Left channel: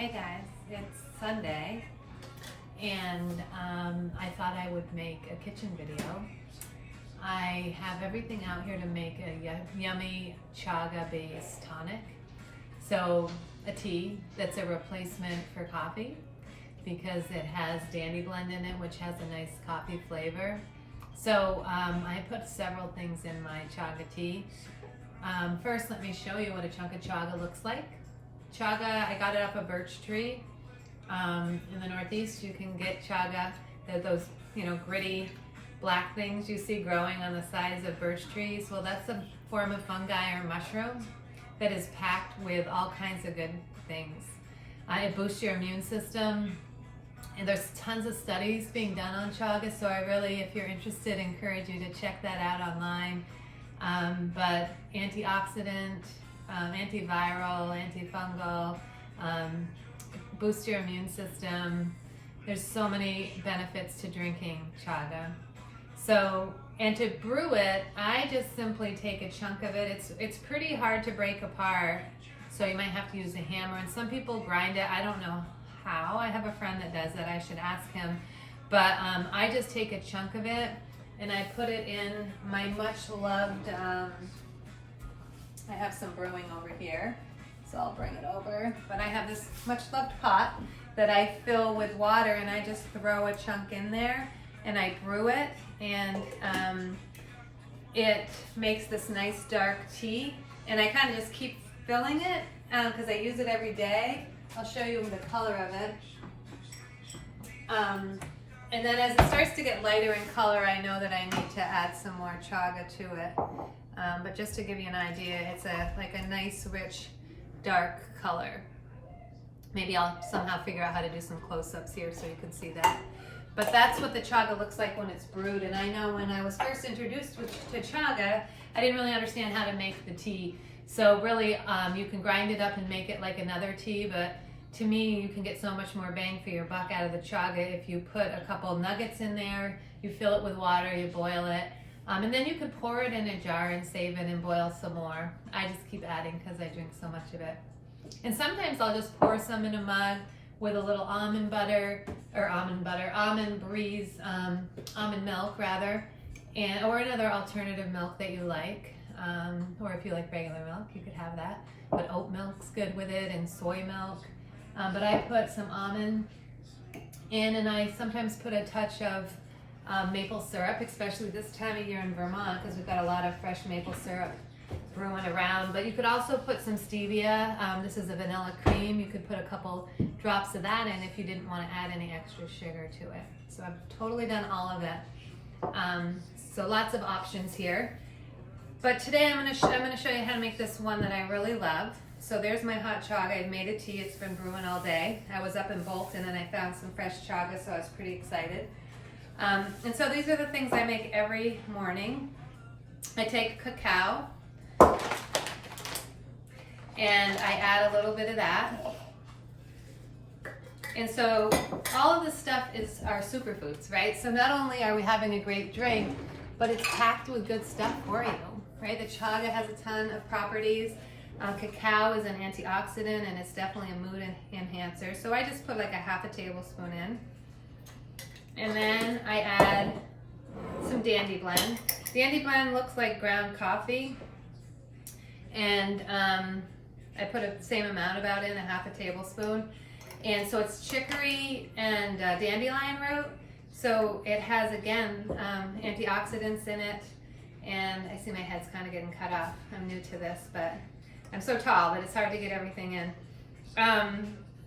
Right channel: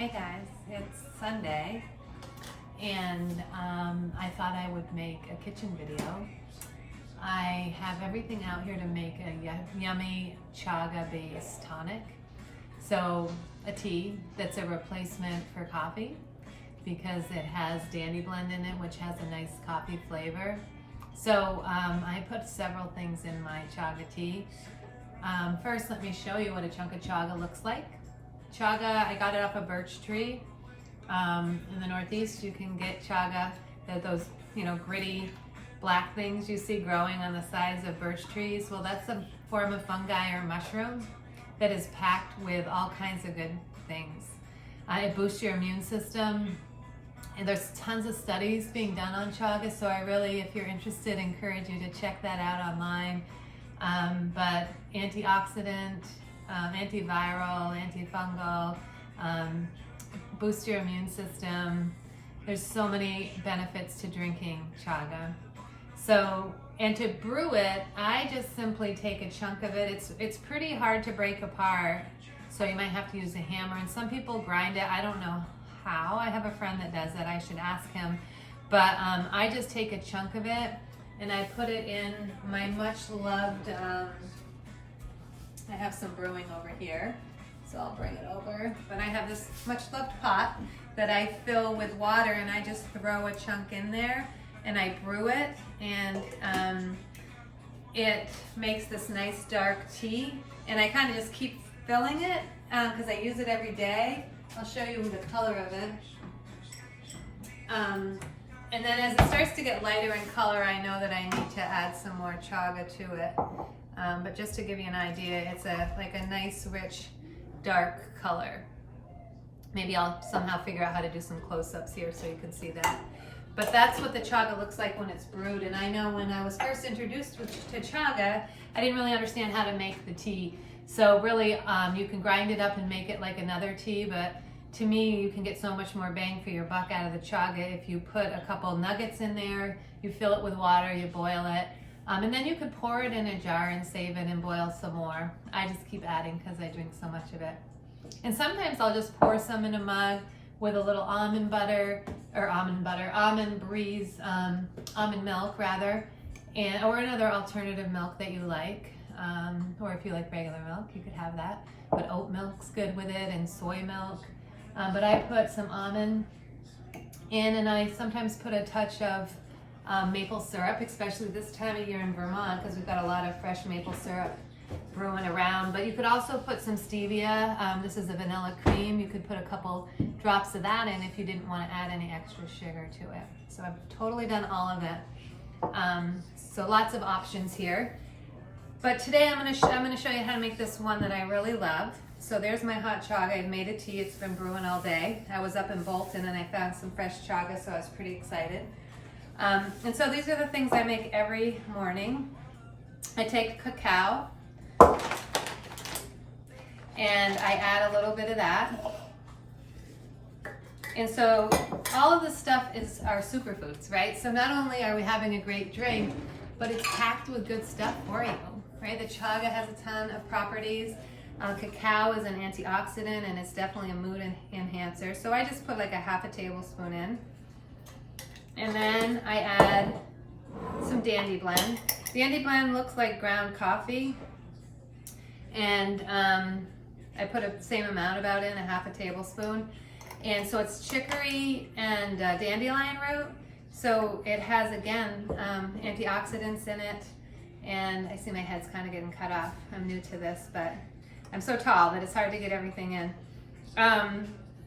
Hey guys, it's Sunday and I thought I would make a kitchen video. I have everything out here to make a yummy chaga based tonic. So a tea that's a replacement for coffee because it has dandy blend in it, which has a nice coffee flavor. So I put several things in my chaga tea. First, let me show you what a chunk of chaga looks like. Chaga, I got it off a birch tree. In the Northeast, you can get chaga, those gritty black things you see growing on the sides of birch trees. Well, that's a form of fungi or mushroom that is packed with all kinds of good things. It boosts your immune system, and there's tons of studies being done on chaga, so I really, if you're interested, encourage you to check that out online. But antioxidant, antiviral, antifungal, boost your immune system. There's so many benefits to drinking chaga. So, and to brew it, I just simply take a chunk of it. It's pretty hard to break apart, so you might have to use a hammer. And some people grind it. I don't know how. I have a friend that does it. I should ask him. But I just take a chunk of it and I put it in my much loved, I have some brewing over here, so I'll bring it over. But I have this much loved pot that I fill with water, and I just throw a chunk in there and I brew it, and it makes this nice dark tea. And I kind of just keep filling it because I use it every day. I'll show you the color of it. And then as it starts to get lighter in color, I know that I need to add some more chaga to it. But just to give you an idea, it's like a nice, rich, dark color. Maybe I'll somehow figure out how to do some close-ups here so you can see that. But that's what the chaga looks like when it's brewed. And I know when I was first introduced to chaga, I didn't really understand how to make the tea. So really, you can grind it up and make it like another tea, but to me, you can get so much more bang for your buck out of the chaga if you put a couple nuggets in there, you fill it with water, you boil it, and then you could pour it in a jar and save it and boil some more. I just keep adding because I drink so much of it. And sometimes I'll just pour some in a mug with a little almond milk rather, or another alternative milk that you like, or if you like regular milk, you could have that. But oat milk's good with it, and soy milk. But I put some almond in, and I sometimes put a touch of maple syrup, especially this time of year in Vermont, because we've got a lot of fresh maple syrup brewing around. But you could also put some stevia. This is a vanilla cream. You could put a couple drops of that in if you didn't want to add any extra sugar to it. So I've totally done all of it. So lots of options here. But today I'm going to show you how to make this one that I really love. So there's my hot chaga. I've made a tea. It's been brewing all day. I was up in Bolton and I found some fresh chaga, so I was pretty excited. And so these are the things I make every morning. I take cacao and I add a little bit of that. And so all of this stuff are superfoods, right? So not only are we having a great drink, but it's packed with good stuff for you, right? The chaga has a ton of properties. Cacao is an antioxidant, and it's definitely a mood enhancer. So I just put like a half a tablespoon in. And then I add some dandy blend. Dandy blend looks like ground coffee. And I put the same amount about in, a half a tablespoon. And so it's chicory and dandelion root. So it has, again, antioxidants in it. And I see my head's kind of getting cut off. I'm new to this, but I'm so tall that it's hard to get everything in.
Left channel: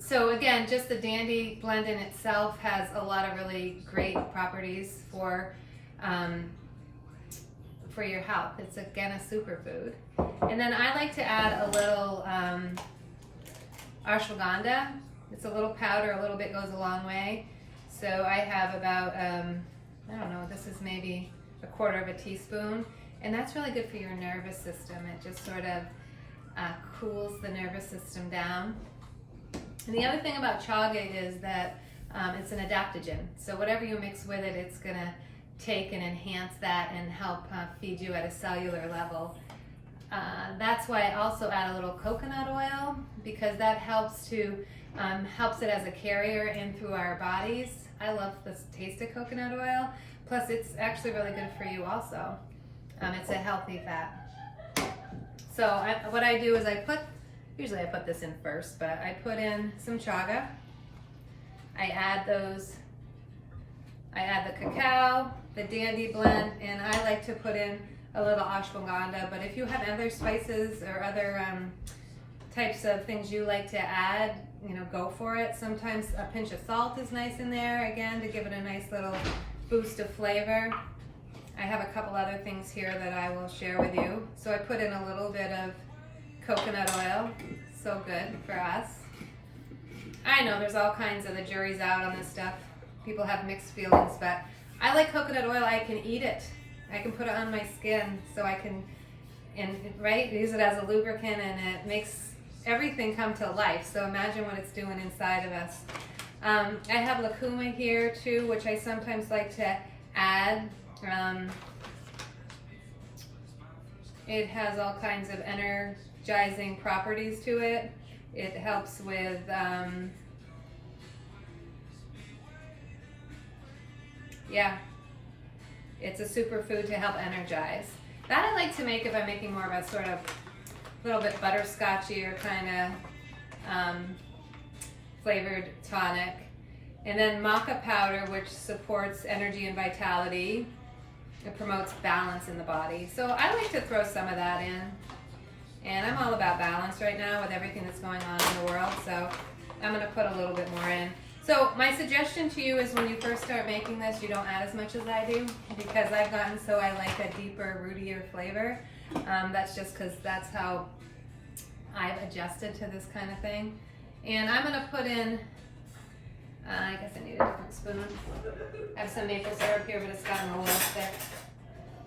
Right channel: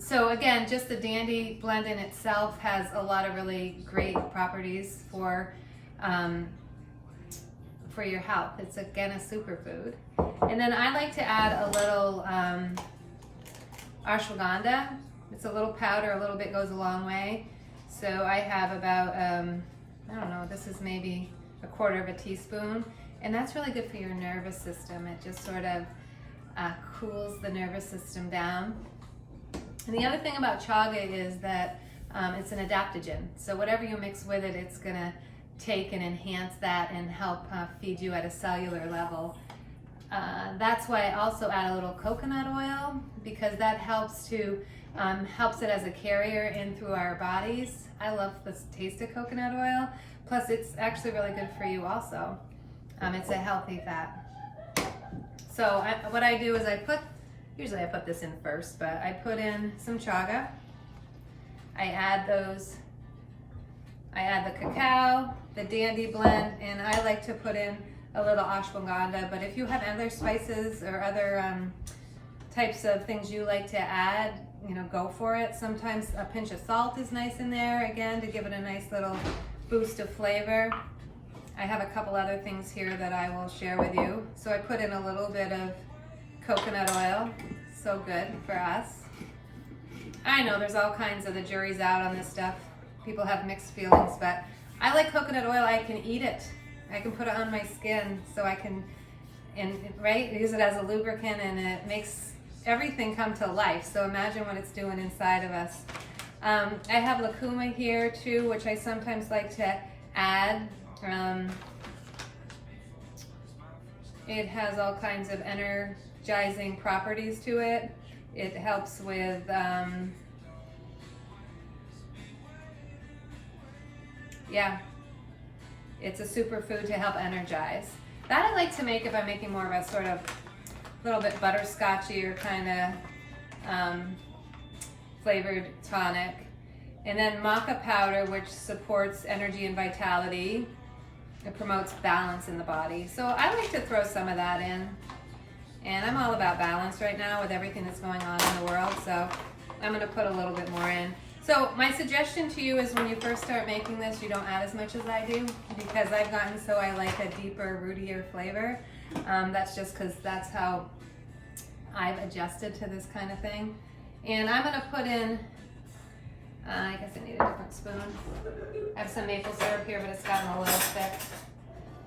So again, just the dandy blend in itself has a lot of really great properties for your health. It's again a superfood. And then I like to add a little ashwagandha. It's a little powder, a little bit goes a long way. So I have about, I don't know, this is maybe a quarter of a teaspoon. And that's really good for your nervous system. It just sort of cools the nervous system down. And the other thing about chaga is that it's an adaptogen. So whatever you mix with it, it's gonna take and enhance that and help feed you at a cellular level. That's why I also add a little coconut oil, because that helps to helps it as a carrier in through our bodies. I love the taste of coconut oil. Plus, it's actually really good for you also. It's a healthy fat. So what I do is usually I put this in first, but I put in some chaga. I add the cacao, the dandy blend, and I like to put in a little ashwagandha. But if you have other spices or other types of things you like to add, go for it. Sometimes a pinch of salt is nice in there, again, to give it a nice little boost of flavor. I have a couple other things here that I will share with you. So I put in a little bit of coconut oil, so good for us. I know there's all kinds of, the jury's out on this stuff. People have mixed feelings, but I like coconut oil. I can eat it. I can put it on my skin, so I can, use it as a lubricant, and it makes everything come to life. So imagine what it's doing inside of us. I have lucuma here too, which I sometimes like to add. It has all kinds of energizing properties to it. It helps with it's a superfood to help energize. That I like to make if I'm making more of a sort of little bit butterscotchy or kind of flavored tonic. And then maca powder, which supports energy and vitality. It promotes balance in the body. So I like to throw some of that in. And I'm all about balance right now with everything that's going on in the world. So I'm going to put a little bit more in. So my suggestion to you is when you first start making this, you don't add as much as I do, because I've gotten so I like a deeper, rootier flavor. That's just because that's how I've adjusted to this kind of thing. And I'm going to put in, I guess I need a different spoon. I have some maple syrup here, but it's gotten a little thick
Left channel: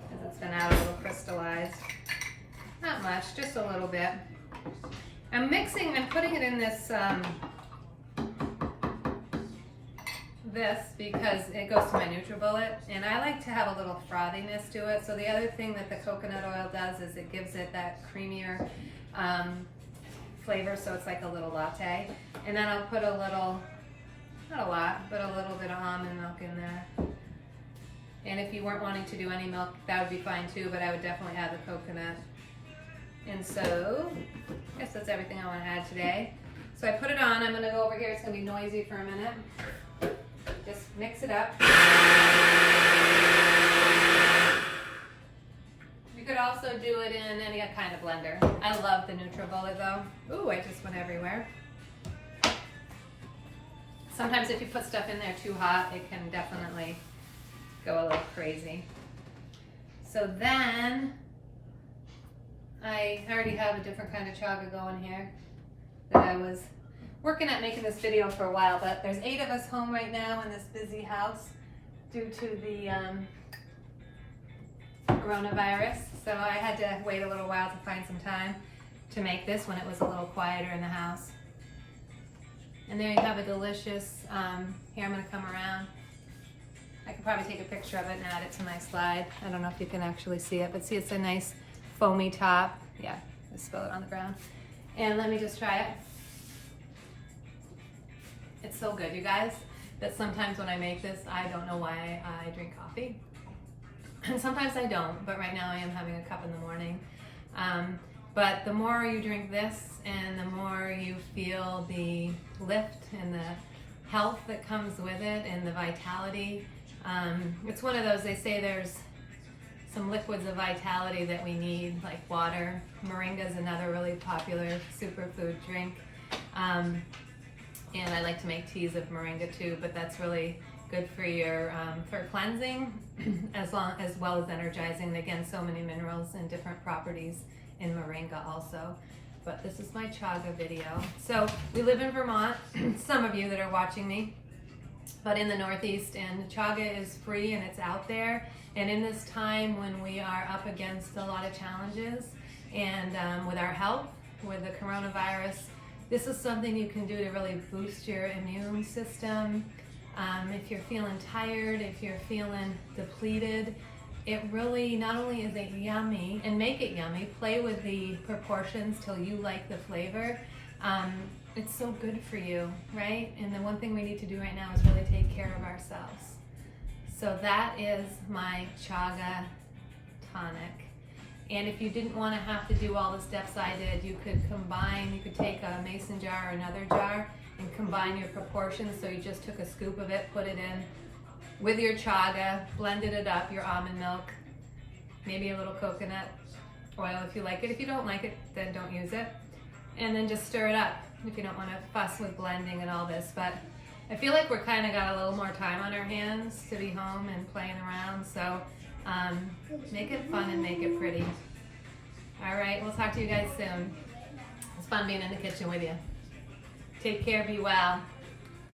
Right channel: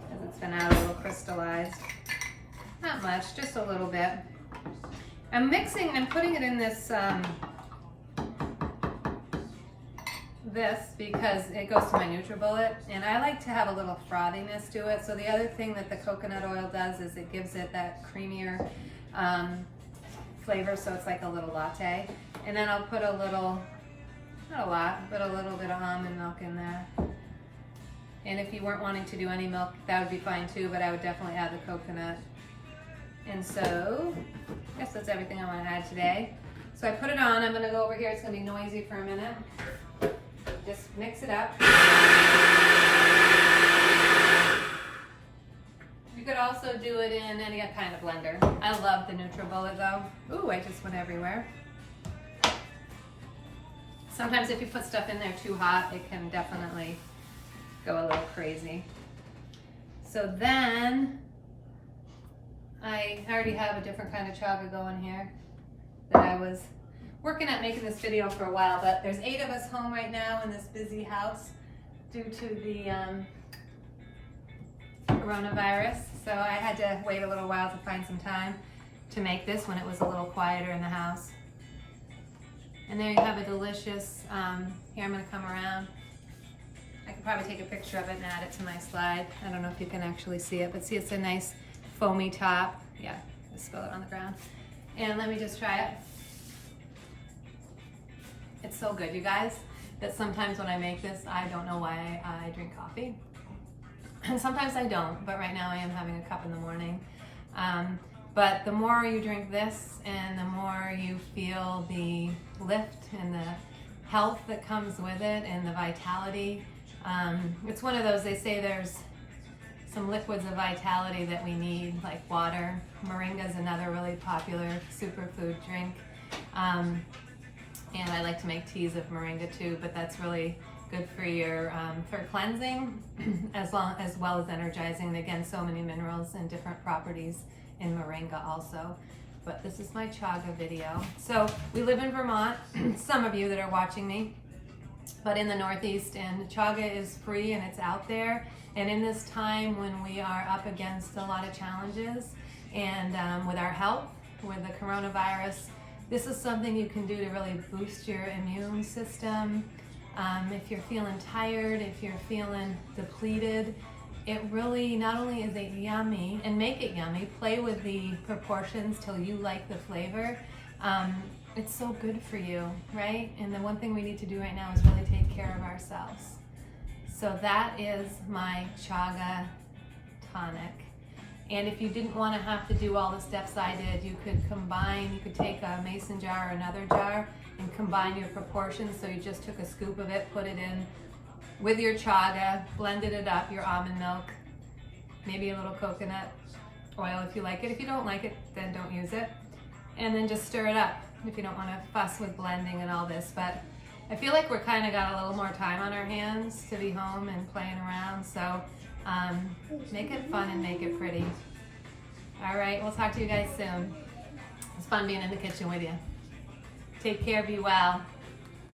because it's been out a little crystallized. Not much, just a little bit. I'm putting it in this because it goes to my NutriBullet, and I like to have a little frothiness to it. So the other thing that the coconut oil does is it gives it that creamier flavor, so it's like a little latte. And then I'll put a little, not a lot, but a little bit of almond milk in there. And if you weren't wanting to do any milk, that would be fine too, but I would definitely add the coconut. And so, I guess that's everything I want to add today. So I put it on. I'm going to go over here. It's going to be noisy for a minute. Just mix it up. You could also do it in any kind of blender. I love the NutriBullet though. Ooh, I just went everywhere. Sometimes if you put stuff in there too hot, it can definitely go a little crazy. So then, I already have a different kind of chaga going here that I was working at making this video for a while, but there's 8 of us home right now in this busy house due to the coronavirus. So I had to wait a little while to find some time to make this when it was a little quieter in the house. And there you have a delicious, here I'm gonna come around. I could probably take a picture of it and add it to my slide. I don't know if you can actually see it, but see it's a nice foamy top. Yeah, just spill it on the ground. And let me just try it. It's so good, you guys, that sometimes when I make this, I don't know why I drink coffee. And sometimes I don't, but right now I am having a cup in the morning. But the more you drink this and the more you feel the lift and the health that comes with it and the vitality. It's one of those, they say there's some liquids of vitality that we need, like water. Moringa is another really popular superfood drink. And I like to make teas of moringa too, but that's really good for your for cleansing as well as energizing. And again, so many minerals and different properties in moringa also. But this is my chaga video. So we live in Vermont, some of you that are watching me, but in the Northeast, and chaga is free and it's out there. And in this time when we are up against a lot of challenges and with our health, with the coronavirus, this is something you can do to really boost your immune system. If you're feeling tired, if you're feeling depleted, it really not only is it yummy, and make it yummy, play with the proportions till you like the flavor. it's so good for you, right? And the one thing we need to do right now is really take care of ourselves. So that is my Chaga tonic. And if you didn't want to have to do all the steps I did, you could combine, you could take a mason jar or another jar and combine your proportions. So you just took a scoop of it, put it in with your chaga, blended it up, your almond milk, maybe a little coconut oil if you like it. If you don't like it, then don't use it. And then just stir it up if you don't want to fuss with blending and all this. But I feel like we're kind of got a little more time on our hands to be home and playing around. So make it fun and make it pretty. All right, we'll talk to you guys soon. It's fun being in the kitchen with you. Take care, be well.